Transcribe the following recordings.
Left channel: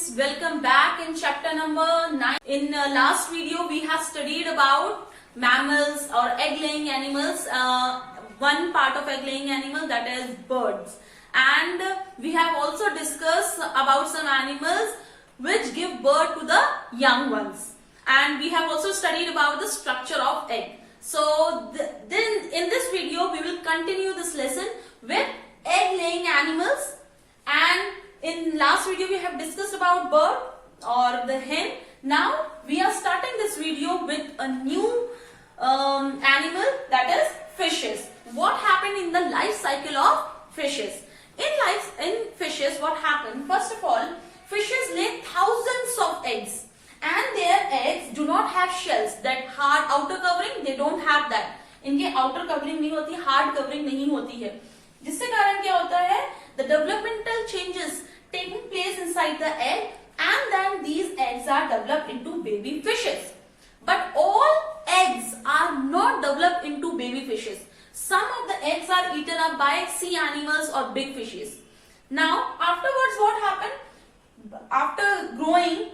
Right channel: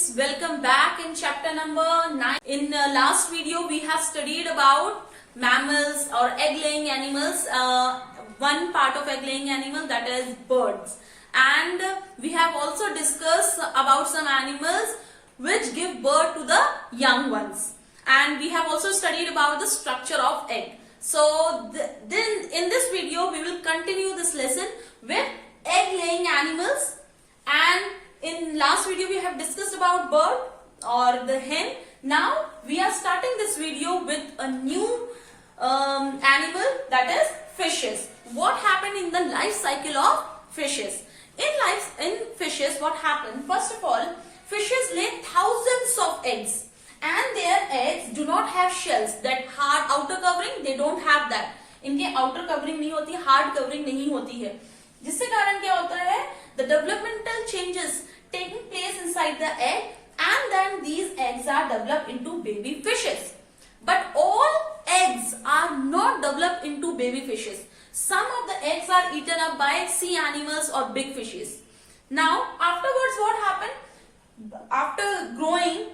students, welcome back in chapter number 9. In last video we have studied about mammals or egg-laying animals, one part of egg-laying animal, that is birds. And we have also discussed about some animals which give birth to the young ones. And we have also studied about the structure of egg. So then in this video we will continue this lesson with egg-laying animals. And in last video we have discussed about bird or the hen. Now we are starting this video with a new animal, that is fishes. What happened in the life cycle of fishes? In fishes, what happened? First of all, fishes lay thousands of eggs, and their eggs do not have shells, that hard outer covering. They don't have that. इनके outer covering नहीं होती, hard covering नहीं होती है, जिससे कारण क्या होता है? The developmental changes taking place inside the egg, and then these eggs are developed into baby fishes. But all eggs are not developed into baby fishes. Some of the eggs are eaten up by sea animals or big fishes. Now, afterwards, what happened? After growing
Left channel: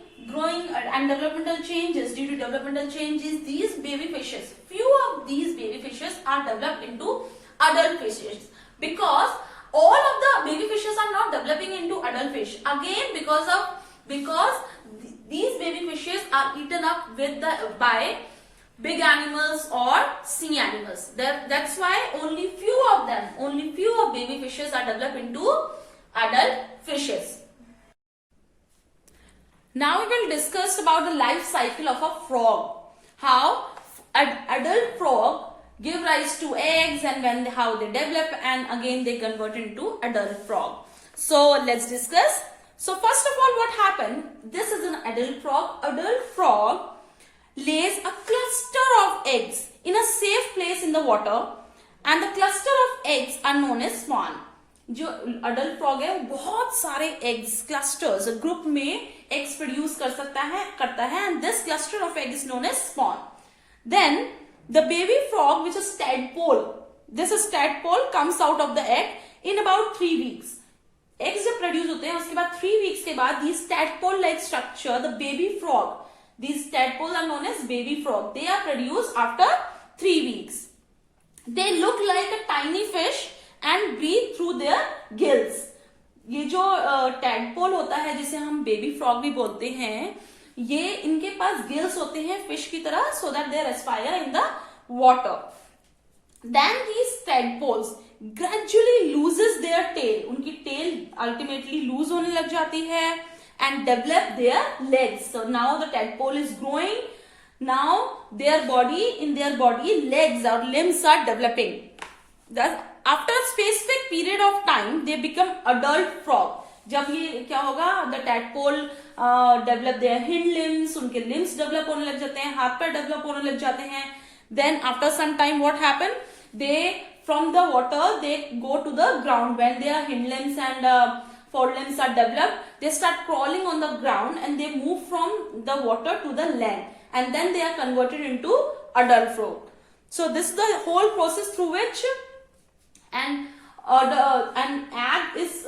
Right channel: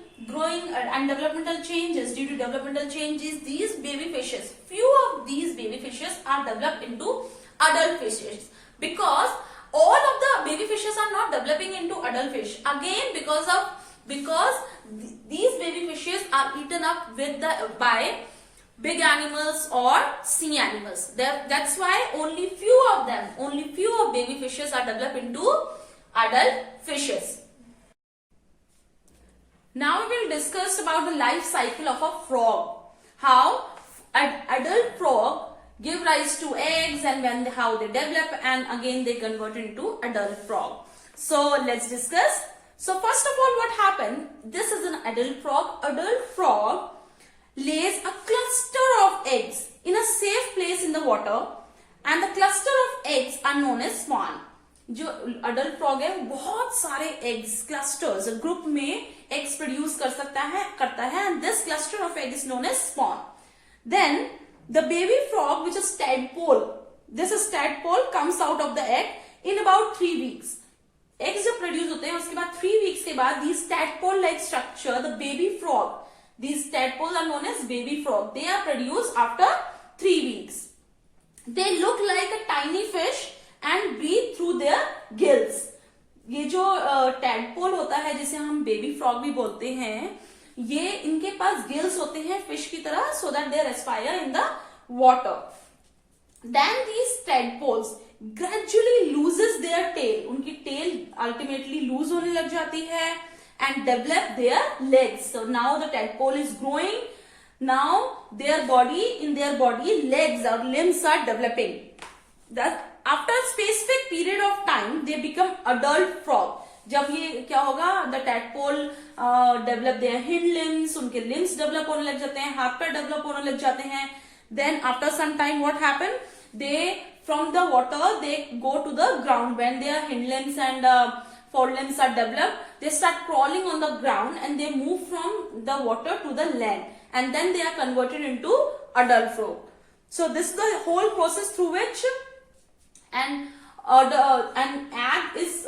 and developmental changes, due to developmental changes, these baby fishes, few of these baby fishes are developed into adult fishes, because all of the baby fishes are not developing into adult fish. Again, because these baby fishes are eaten up by big animals or sea animals. That's why only few of baby fishes are developed into adult fishes. Now we will discuss about the life cycle of a frog. How an adult frog give rise to eggs, and how they develop, and again they convert into adult frog. So let's discuss. So first of all, what happened? This is an adult frog. Adult frog lays a cluster of eggs in a safe place in the water, and the cluster of eggs are known as spawn. जो adult frog है, बहुत सारे eggs clusters group में eggs produce करता है, and this cluster of eggs is known as spawn. Then the baby frog, which is tadpole, this tadpole comes out of the egg in about 3 weeks. Eggs जब produce होते हैं, उसके बाद 3 weeks के बाद these tadpole-like structure, the baby frog, these tadpoles are known as baby frog. They are produced after 3 weeks. They look like a tiny fish and breathe through their gills. ये जो tadpole होता है, जिसे हम baby frog भी बोलते हैं, ये इनके पास गिल्स होते हैं फिश की तरह, so that they respire in the water. Then these tadpoles gradually loses their tail. उनकी tail ultimately lose होने लग जाती है, and develop their legs. So now the tadpole is growing. Now in their body legs or limbs are developing. After a specific period of time, they become adult frog. जब ये क्या होगा? The tadpole develop their hind limbs, उनके limbs develop होने लग जाते हैं, हाथ पैर develop होने लग जाते हैं. Then after some time, what happen? They from the water they go to the ground. When their hind limbs and forelimbs are developed, they start crawling on the ground, and they move from the water to the land, and then they are converted into adult frog. So this is the whole process through which an egg is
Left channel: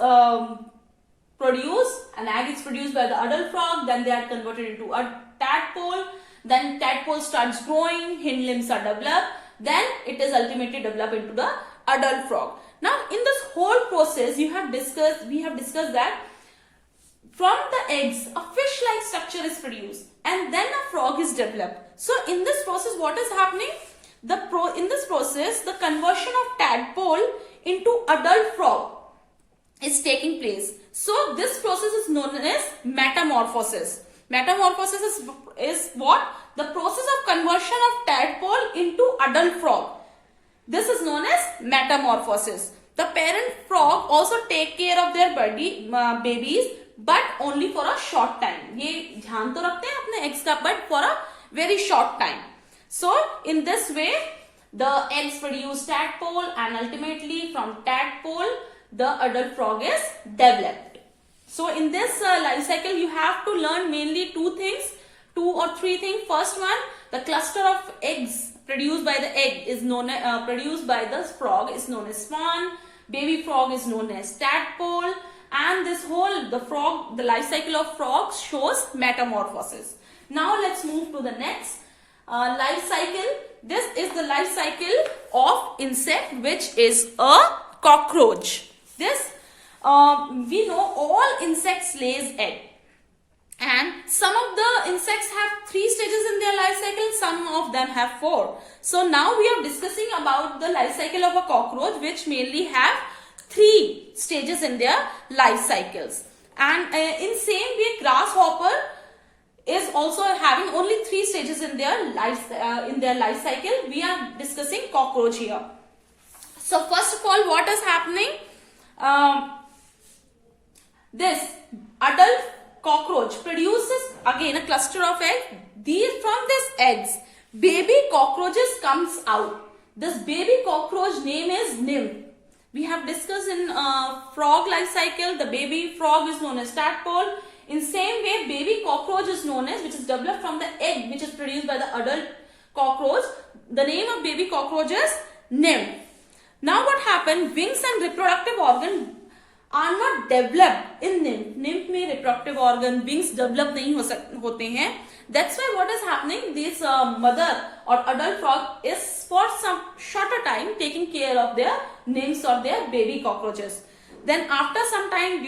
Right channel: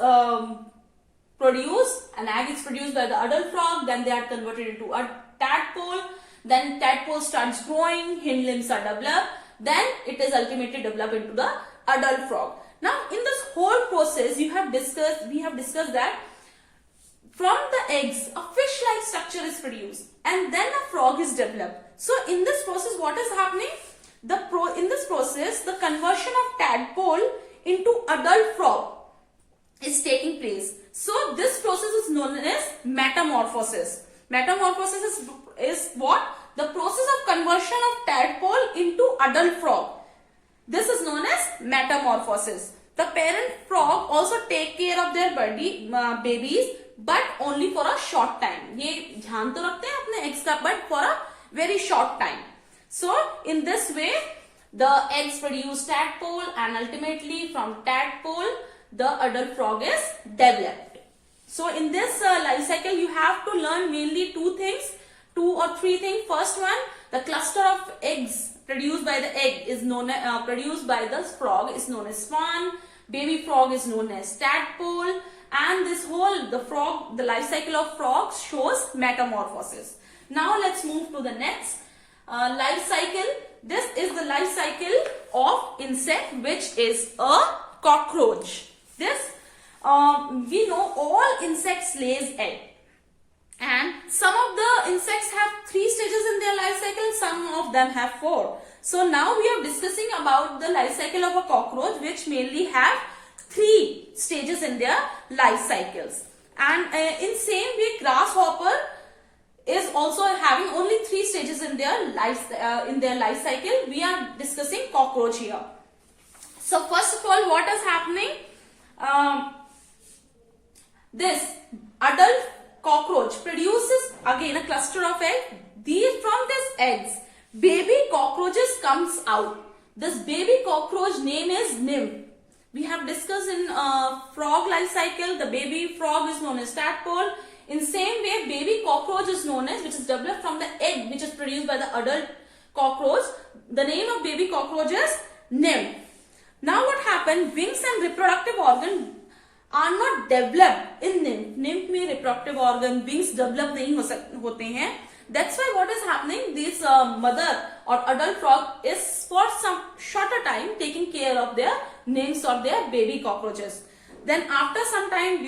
produced. An egg is produced by the adult frog, then they are converted into a tadpole. Then tadpole starts growing, hind limbs are developed, then it is ultimately developed into the adult frog. Now in this whole process we have discussed that from the eggs a fish-like structure is produced, and then a frog is developed. So in this process, what is happening? In this process, the conversion of tadpole into adult frog is taking place. So this process is known as metamorphosis. Metamorphosis is what? The process of conversion of tadpole into adult frog. This is known as metamorphosis. The parent frog also take care of their babies, but only for a short time. ये ध्यान तो रखते हैं अपने eggs का, but for a very short time. So in this way, the eggs produce tadpole, and ultimately from tadpole, the adult frog is developed. So in this life cycle, you have to learn mainly 2 or 3 things. First one, the cluster of eggs produced by the egg is produced by the frog is known as spawn. Baby frog is known as tadpole, and the life cycle of frogs shows metamorphosis. Now let's move to the next life cycle. This is the life cycle of insect, which is a cockroach. This we know all insects lays egg, and some of the insects have 3 stages in their life cycle, some of them have 4. So now we are discussing about the life cycle of a cockroach, which mainly have 3 stages in their life cycles. And in same way, grasshopper is also having only 3 stages in their life cycle. We are discussing cockroach here. So first of all, what is happening? This adult cockroach produces again a cluster of eggs. From these eggs, baby cockroaches comes out. This baby cockroach name is nymph. We have discussed in frog life cycle, the baby frog is known as tadpole. In same way, baby cockroach is known as, which is developed from the egg which is produced by the adult cockroach. The name of baby cockroach is nymph. Now what happened? Wings and reproductive organ are not developed in nymph. Nymph में reproductive organ, wings develop नहीं होते हैं. That's why what is happening? This mother or adult frog is for some shorter time taking care of their nymphs or their baby cockroaches. Then after some time,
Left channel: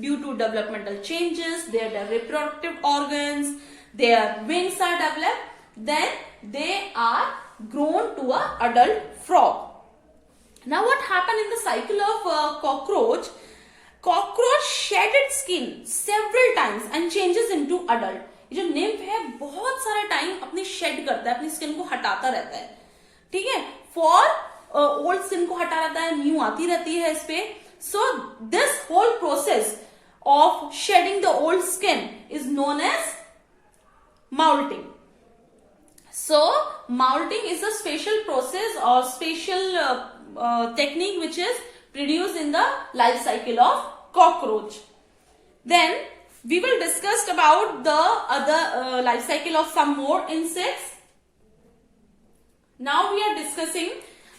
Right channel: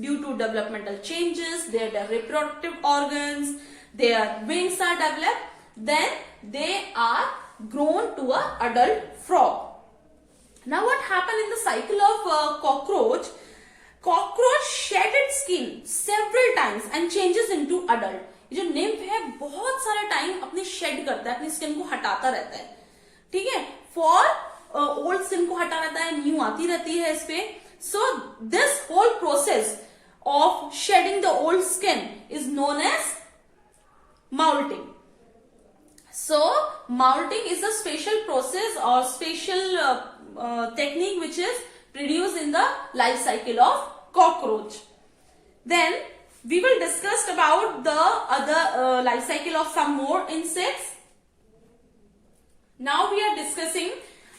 due to developmental changes, their reproductive organs, their wings are developed. Then they are grown to an adult frog. Now what happened in the cycle of cockroach? Cockroach shed its skin several times and changes into adult. ये जो nymph है बहुत सारा time अपनी shade करता है, अपनी skin को हटाता रहता है. ठीक है, फॉर ओल्ड स्किन को हटा रहता है, न्यू आती रहती है इस पे. So this whole process of shedding the old skin is known as molting. So molting is a special process or special technique which is produced in the life cycle of cockroach. Then we will discuss about the other life cycle of some more insects. Now we are discussing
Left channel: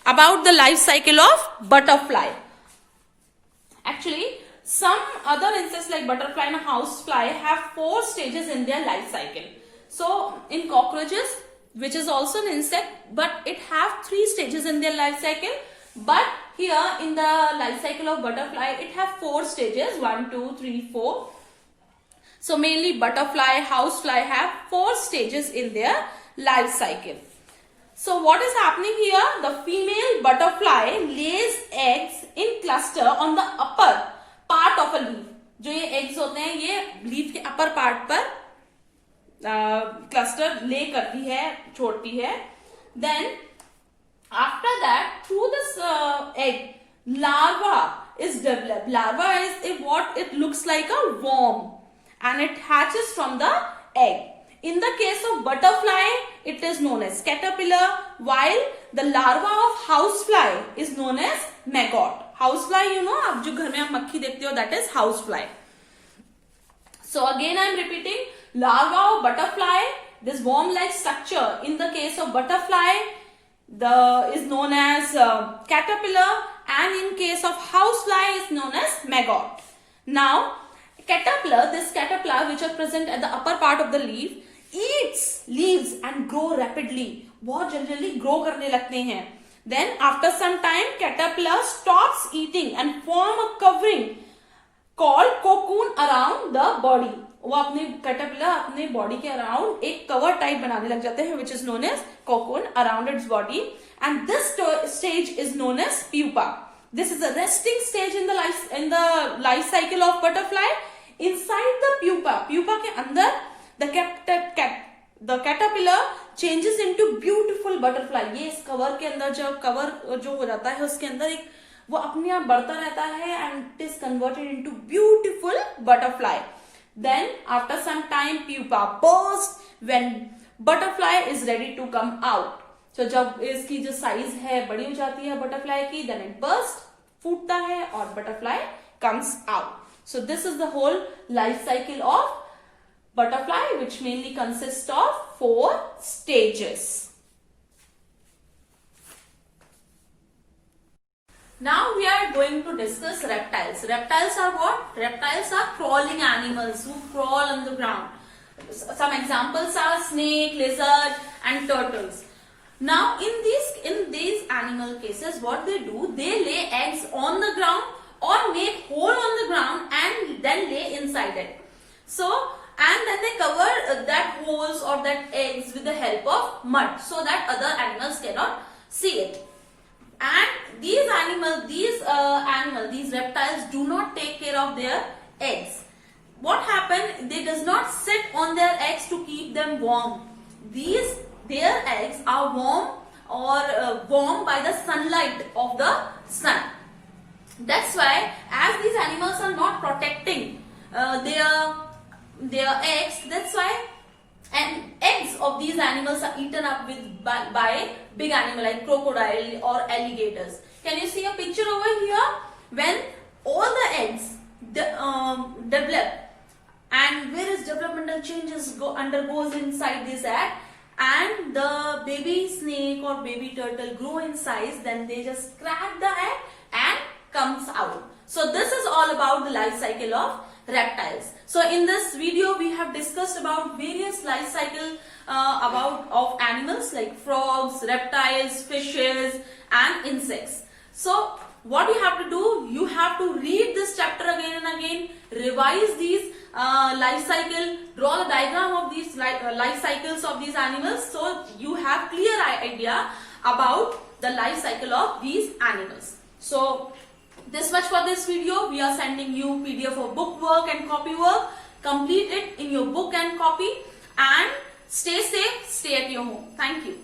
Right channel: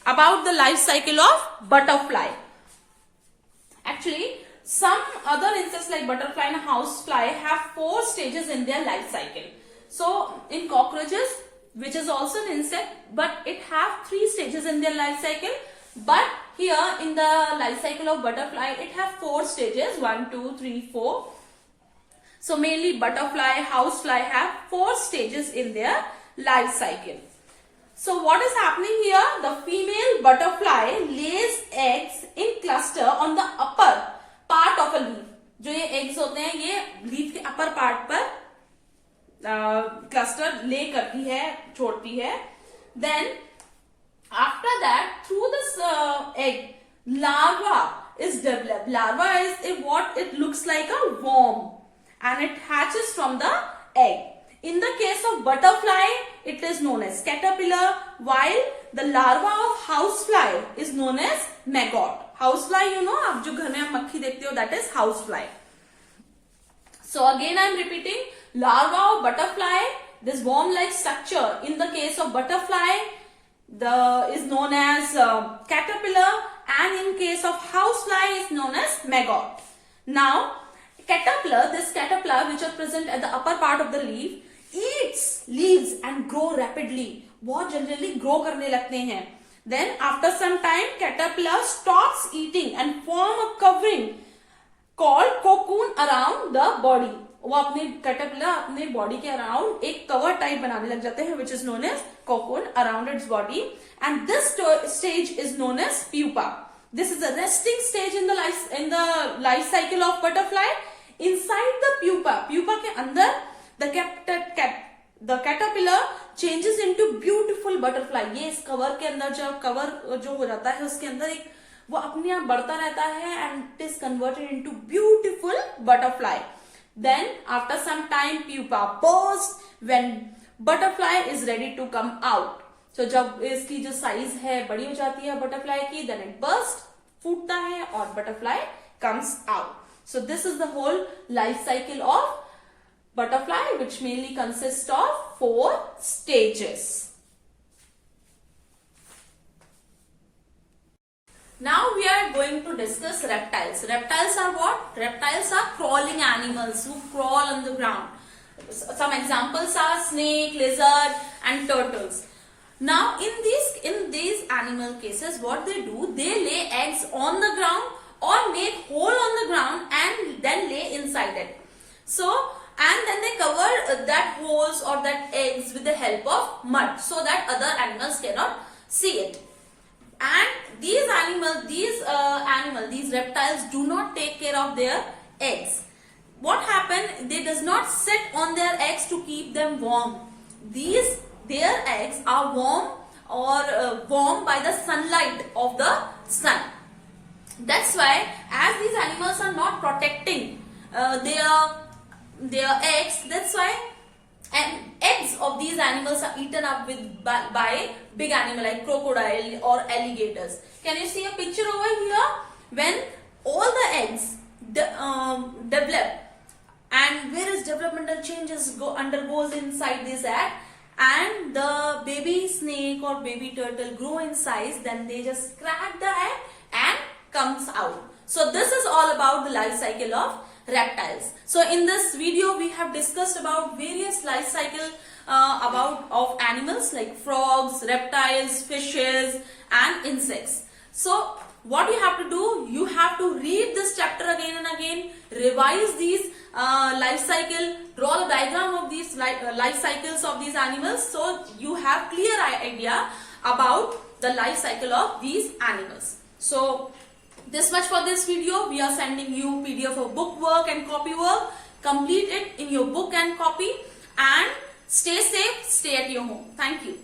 about the life cycle of butterfly. Actually, some other insects like butterfly and housefly have 4 stages in their life cycle. So in cockroaches, which is also an insect, but it have 3 stages in their life cycle. But here in the life cycle of butterfly, it have 4 stages, 1, 2, 3, 4. So mainly butterfly, housefly have 4 stages in their life cycle. So what is happening here? The female butterfly lays eggs in cluster on the upper part of a leaf. जो ये eggs होते हैं, ये leaf के upper part पर cluster lay करती है, छोड़ती है. Then after that, through this egg, larva is developed. Larva is what it looks like a worm, and it hatches from the egg. In the case of butterfly, it is known as caterpillar, while the larva of housefly is known as maggot. Housefly, you know, आप जो घर में मक्खी देखते हो, that is housefly. So again, I am repeating, larva of butterfly, this worm-like structure. In the case of butterfly, is known as caterpillar, and in case of housefly is known as maggot. Now, this caterpillar which are present at the upper part of the leaf eats leaves and grow rapidly. बहुत जल्दी grow करने लगते हैं. Then after some time, caterpillar stops eating and form a covering called cocoon around the body. वो अपने caterpillar अपने body के around एक cover type बनाने लग जाते हैं, which is known as cocoon around its body, and this stage is known as pupa. This is a resting stage in the life cycle of butterfly. Inside the pupa के अंदर the caterpillar changes into beautiful butterfly. ये इस cover के अंदर जो हो जाता है, उसके अंदर एक वो अपने आप बढ़ता रहता है, and it is converted into beautiful butterfly. Then after some time, pupa bursts when butterfly is ready to come out. So जब इसकी जो size है बड़ी हो जाती है butterfly की, then it bursts, फूटता है और butterfly comes out. So this is the whole life cycle of butterfly, which mainly consists of 4 stages. Now we are going to discuss reptiles. Reptiles are what? Reptiles are crawling animals who crawl on the ground. Some examples are snake, lizard, and turtles. Now in these animal cases, what they do, they lay eggs on the ground or make hole on the ground and then lay inside it. So and then they cover that holes or that eggs with the help of mud so that other animals cannot see it. And these reptiles do not take care of their eggs. What happens? They does not sit on their eggs to keep them warm. Their eggs are warm or warm by the sunlight of the sun. That's why, as these animals are not protecting their eggs, that's why, and eggs of these animals are eaten up by big animal like crocodile or alligators. Can you see a picture over here? When all the eggs develop, and various developmental changes undergoes inside this egg, and the baby snake or baby turtle grow in size, then they just crack the egg and comes out. So this is all about the life cycle of reptiles. So in this video we have discussed about various life cycle of animals like frogs, reptiles, fishes and insects. So what you have to do, you have to read this chapter again and again, revise these life cycle, draw the diagram of these life cycles of these animals, so you have clear idea about the life cycle of these animals. So this much for this video. We are sending you PDF of book work and copy work. Complete it in your book and copy, and stay safe, stay at your home. Thank you.